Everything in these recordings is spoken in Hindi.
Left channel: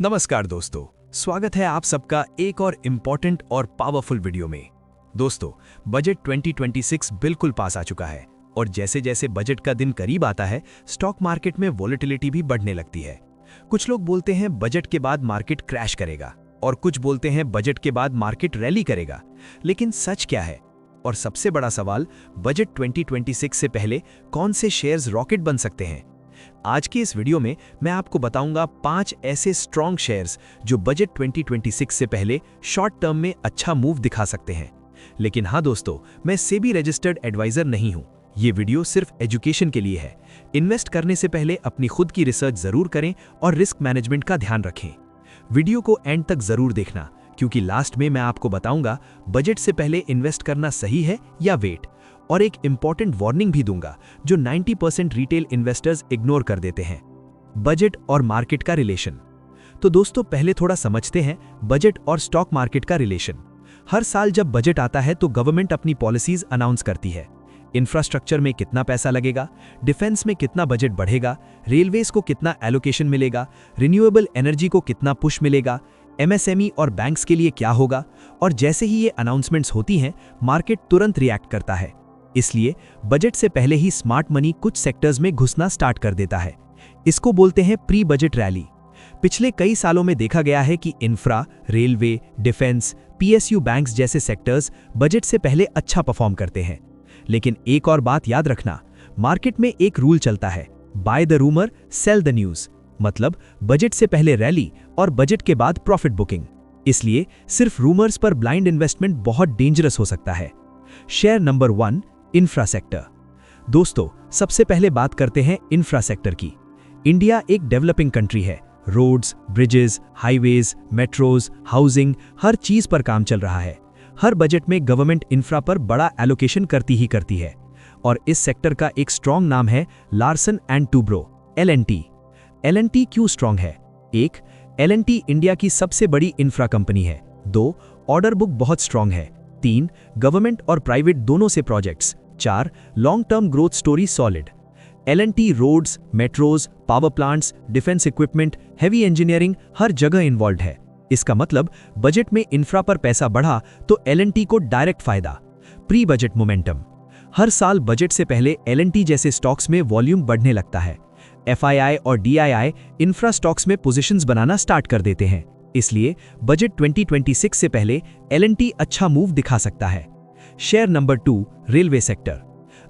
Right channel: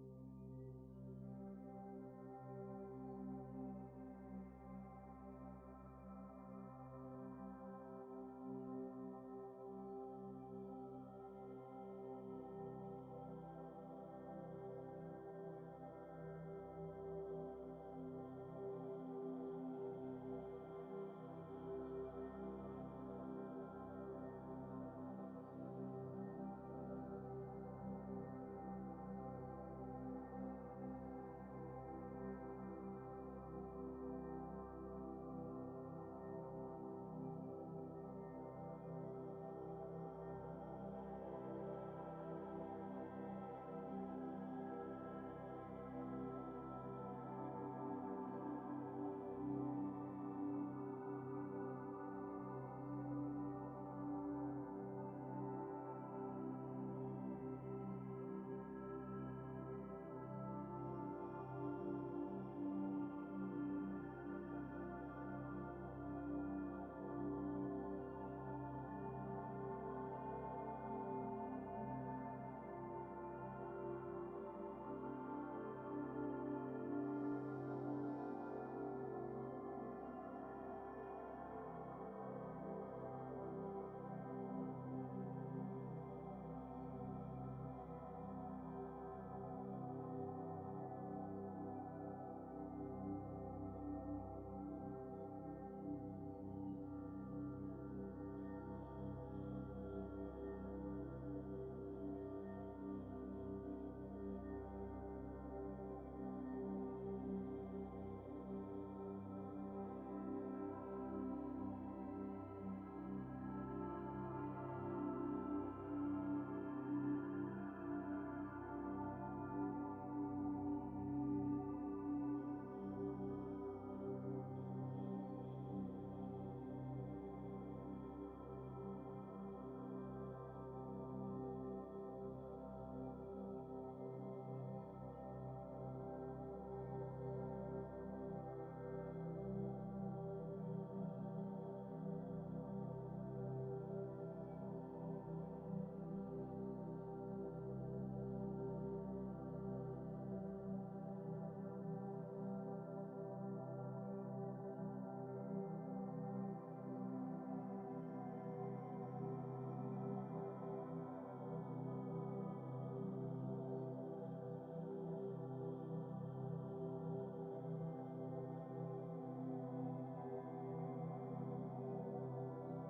नमस्कार दोस्तों, स्वागत है आप सबका एक और इम्पॉर्टेंट और पावरफुल वीडियो में। दोस्तों, बजट 2026 बिल्कुल पास आ चुका है और जैसे जैसे बजट का दिन करीब आता है, स्टॉक मार्केट में वॉलेटिलिटी भी बढ़ने लगती है। कुछ लोग बोलते हैं बजट के बाद मार्केट क्रैश करेगा और कुछ बोलते हैं बजट के बाद मार्केट रैली करेगा। लेकिन सच क्या है? और सबसे बड़ा सवाल, बजट 2026 से पहले कौन से शेयर्स रॉकेट बन सकते हैं? आज की इस वीडियो में मैं आपको बताऊंगा 5 ऐसे स्ट्रॉन्ग शेयर्स जो बजट 2026 से पहले शॉर्ट टर्म में अच्छा मूव दिखा सकते हैं। लेकिन हाँ दोस्तों, मैं सेबी रजिस्टर्ड एडवाइजर नहीं हूं। ये वीडियो सिर्फ एजुकेशन के लिए है। इन्वेस्ट करने से पहले अपनी खुद की रिसर्च जरूर करें और रिस्क मैनेजमेंट का ध्यान रखें। वीडियो को एंड तक जरूर देखना, क्योंकि लास्ट में मैं आपको बताऊंगा बजट से पहले इन्वेस्ट करना सही है या वेट, और एक इंपॉर्टेंट वार्निंग भी दूंगा जो 90% रिटेल इन्वेस्टर्स इग्नोर कर देते हैं। बजट और मार्केट का रिलेशन। तो दोस्तों, पहले थोड़ा समझते हैं बजट और स्टॉक मार्केट का रिलेशन। हर साल जब बजट आता है तो गवर्नमेंट अपनी पॉलिसीज अनाउंस करती है। इंफ्रास्ट्रक्चर में कितना पैसा लगेगा, डिफेंस में कितना बजट बढ़ेगा, रेलवेज को कितना एलोकेशन मिलेगा, रिन्यूएबल एनर्जी को कितना पुश मिलेगा, एमएसएमई और बैंक्स के लिए क्या होगा। और जैसे ही ये अनाउंसमेंट्स होती हैं, मार्केट तुरंत रिएक्ट करता है। इसलिए बजट से पहले ही स्मार्ट मनी कुछ सेक्टर्स में घुसना स्टार्ट कर देता है। इसको बोलते हैं प्री बजट रैली। पिछले कई सालों में देखा गया है कि infra, railway, defence, PSU banks जैसे सेक्टर्स बजट से पहले अच्छा परफॉर्म करते हैं। लेकिन एक और बात याद रखना, मार्केट में एक रूल चलता है, by the rumour cell the news. मतलब बजट से पहले रैली और बजट के बाद प्रॉफिट बुकिंग। इसलिए सिर्फ रूमर्स पर ब्लाइंड इन्वेस्टमेंट बहुत डेंजरस हो सकता है। Share number 1, infra sector. दोस्तों, सबसे पहले बात करते हैं इंफ्रा सेक्टर की। इंडिया एक डेवलपिंग कंट्री है। Roads, bridges, highways, metros, housing, हर चीज पर काम चल रहा है। हर बजट में गवर्नमेंट इंफ्रा पर बड़ा एलोकेशन करती ही करती है। और इस सेक्टर का एक स्ट्रॉन्ग नाम है Larsen and Toubro, L&T। L&T क्यों स्ट्रॉन्ग है? 1, L&T इंडिया की सबसे बड़ी इंफ्रा कंपनी है। 2, ऑर्डर बुक बहुत स्ट्रॉन्ग है। 3, गवर्नमेंट और प्राइवेट दोनों से projects. 4, long term growth story solid. L&T roads, metros, power plants, defence equipment, heavy engineering हर जगह इन्वॉल्व है। इसका मतलब बजट में इंफ्रा पर पैसा बढ़ा तो L&T को डायरेक्ट फायदा। Pre budget momentum. हर साल बजट से पहले L&T जैसे स्टॉक्स में वॉल्यूम बढ़ने लगता है। FII और DII इंफ्रा स्टॉक्स में पोजीशंस बनाना स्टार्ट कर देते हैं। इसलिए बजट 2026 से पहले L&T अच्छा मूव दिखा सकता है। Share number 2, railway sector.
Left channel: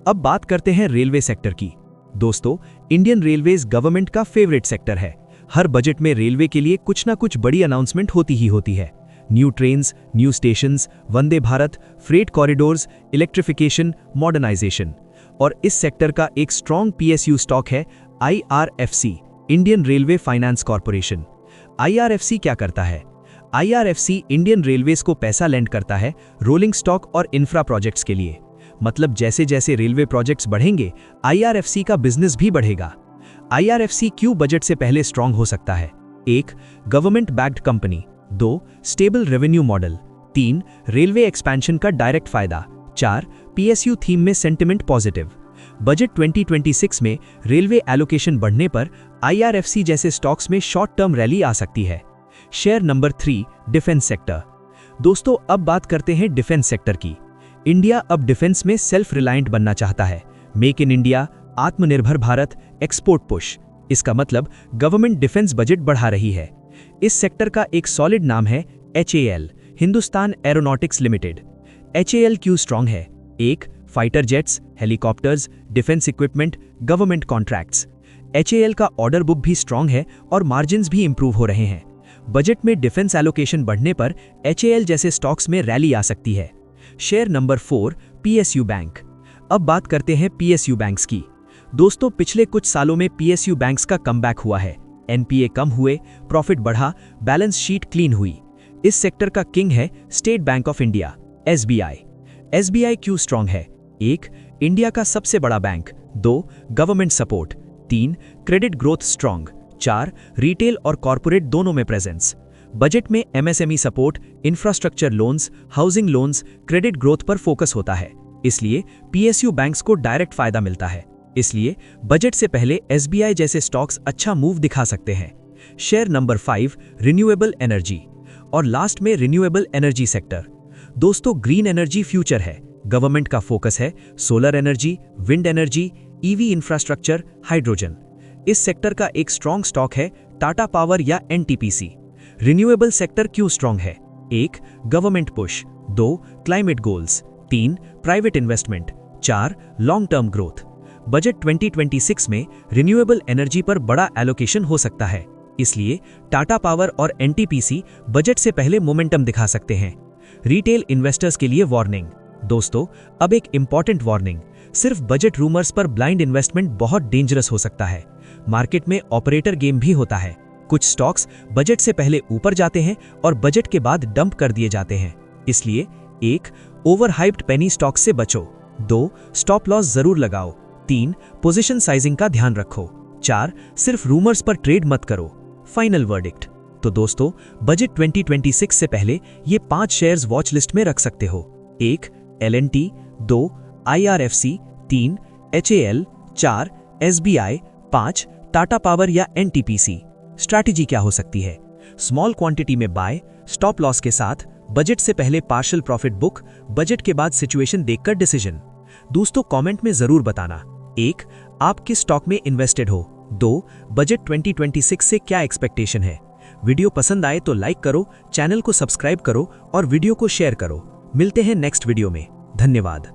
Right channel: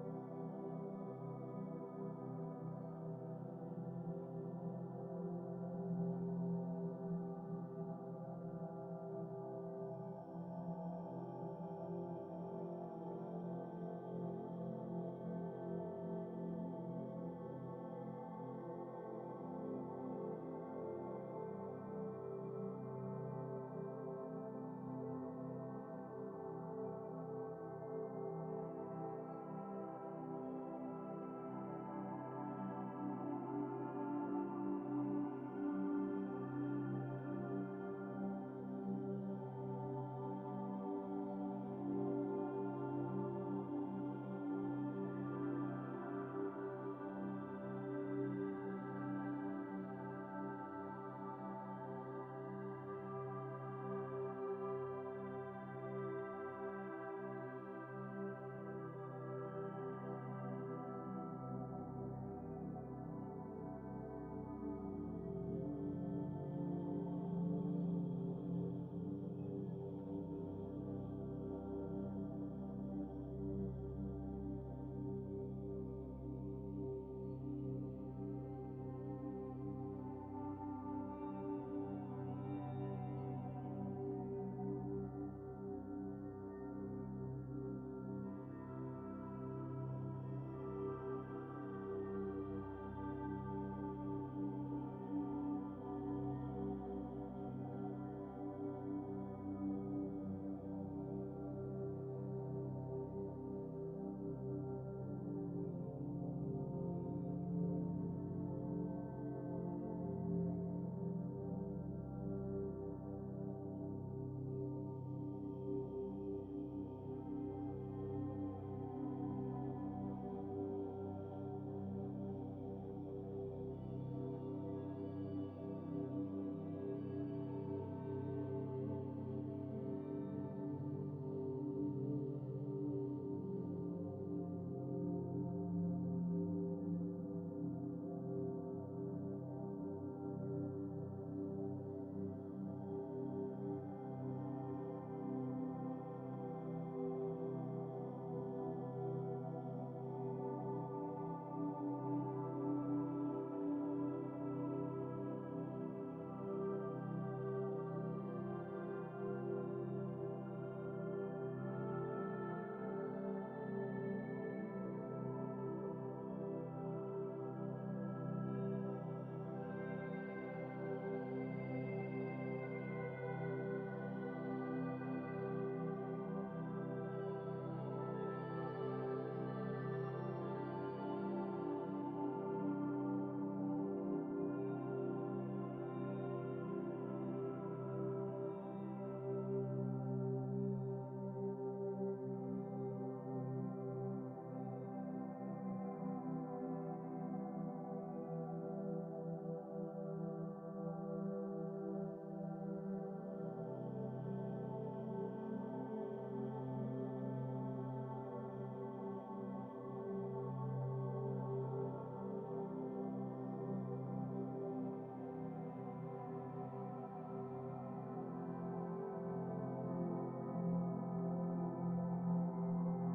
अब बात करते हैं रेलवे सेक्टर की। दोस्तों, इंडियन रेलवेज गवर्नमेंट का फेवरेट सेक्टर है। हर बजट में रेलवे के लिए कुछ ना कुछ बड़ी अनाउंसमेंट होती ही होती है। New trains, new stations, Vande Bharat, freight corridors, electrification, modernisation. और इस सेक्टर का एक स्ट्रॉन्ग PSU स्टॉक है IRFC, Indian railway finance corporation. IRFC क्या करता है? IRFC इंडियन रेलवेज को पैसा लेंड करता है रोलिंग स्टॉक और इंफ्रा प्रोजेक्ट्स के लिए। मतलब जैसे जैसे रेलवे प्रोजेक्ट्स बढ़ेंगे, IRFC का बिजनेस भी बढ़ेगा। IRFC क्यों बजट से पहले स्ट्रॉन्ग हो सकता है? 1, government backed company. 2, stable revenue model. 3, railway expansion का डायरेक्ट फायदा। 4, PSU थीम में सेंटिमेंट पॉजिटिव। बजट 2026 में रेलवे एलोकेशन बढ़ने पर IRFC जैसे स्टॉक्स में शॉर्ट टर्म रैली आ सकती है। Share number 3, defence sector. दोस्तों, अब बात करते हैं डिफेंस सेक्टर की। इंडिया अब डिफेंस में सेल्फ रिलायंट बनना चाहता है। मेक इन इंडिया, आत्मनिर्भर भारत, एक्सपोर्ट पुश। इसका मतलब गवर्नमेंट डिफेंस बजट बढ़ा रही है। इस सेक्टर का एक सॉलिड नाम है HAL, Hindustan aeronautics limited. HAL क्यों स्ट्रॉन्ग है? 1, fighter jets, helicopters, defence equipment, government contracts. HAL का ऑर्डर बुक भी स्ट्रॉन्ग है और मार्जिन्स भी इंप्रूव हो रहे हैं। बजट में डिफेंस एलोकेशन बढ़ने पर HAL जैसे स्टॉक्स में रैली आ सकती है। Share number 4, PSU bank. अब बात करते हैं PSU बैंक्स की। दोस्तों, पिछले कुछ सालों में PSU बैंक्स का कमबैक हुआ है। NPA कम हुए, प्रॉफिट बढ़ा, बैलेंस शीट क्लीन हुई। इस सेक्टर का किंग है state bank of India, SBI। SBI क्यों स्ट्रॉन्ग है? 1, इंडिया का सबसे बड़ा bank. 2, government support. 3, credit growth strong. 4, retail और कॉर्पोरेट दोनों में प्रेजेंस। बजट में MSME support, infrastructure loans, housing loans, credit growth पर फोकस होता है। इसलिए PSU बैंक्स को डायरेक्ट फायदा मिलता है। इसलिए बजट से पहले SBI जैसे स्टॉक्स अच्छा मूव दिखा सकते हैं। शेयर नंबर 5 रिन्यूएबल एनर्जी और लास्ट में रिन्यूएबल एनर्जी सेक्टर। दोस्तों, ग्रीन एनर्जी फ्यूचर है। गवर्नमेंट का फोकस है solar energy, wind energy, EV infrastructure, hydrogen. इस सेक्टर का एक स्ट्रॉन्ग स्टॉक है टाटा पावर या एनटीपीसी। रिन्यूएबल सेक्टर क्यों स्ट्रॉन्ग है? 1 government push, 2 climate goals, 3 private investment, 4 long term growth. Budget 2026 में रिन्यूएबल एनर्जी पर बड़ा एलोकेशन हो सकता है, इसलिए टाटा पावर और एनटीपीसी बजट से पहले मोमेंटम दिखा सकते हैं। रिटेल इन्वेस्टर्स के लिए वार्निंग। दोस्तों, अब एक इंपॉर्टेंट वार्निंग। सिर्फ बजट रूमर्स पर ब्लाइंड इन्वेस्टमेंट बहुत डेंजरस हो सकता है। मार्केट में ऑपरेटर गेम भी होता है। कुछ स्टॉक्स बजट से पहले ऊपर जाते हैं और बजट के बाद डंप कर दिए जाते हैं। इसलिए 1 ओवर हाइप्ड पेनी स्टॉक्स से बचो, 2 स्टॉप लॉस जरूर लगाओ, 3 पोजीशन साइजिंग का ध्यान रखो, 4 सिर्फ रूमर्स पर ट्रेड मत करो। Final verdict. तो दोस्तों, बजट 2026 से पहले ये 5 शेयर्स वॉच लिस्ट में रख सकते हो। 1 L&T, 2 IRFC, 3 HAL, 4 SBI, 5 Tata power या एनटीपीसी। स्ट्रैटेजी क्या हो सकती है? स्मॉल क्वांटिटी में बाय, स्टॉप लॉस के साथ, बजट से पहले पार्शियल प्रॉफिट बुक, बजट के बाद सिचुएशन देखकर डिसीजन। दोस्तों, कमेंट में जरूर बताना 1 आप किस स्टॉक में इन्वेस्टेड हो, 2 बजट 2026 से क्या एक्सपेक्टेशन है। वीडियो पसंद आए तो लाइक करो, चैनल को सब्सक्राइब करो और वीडियो को शेयर करो। मिलते हैं नेक्स्ट वीडियो में। धन्यवाद।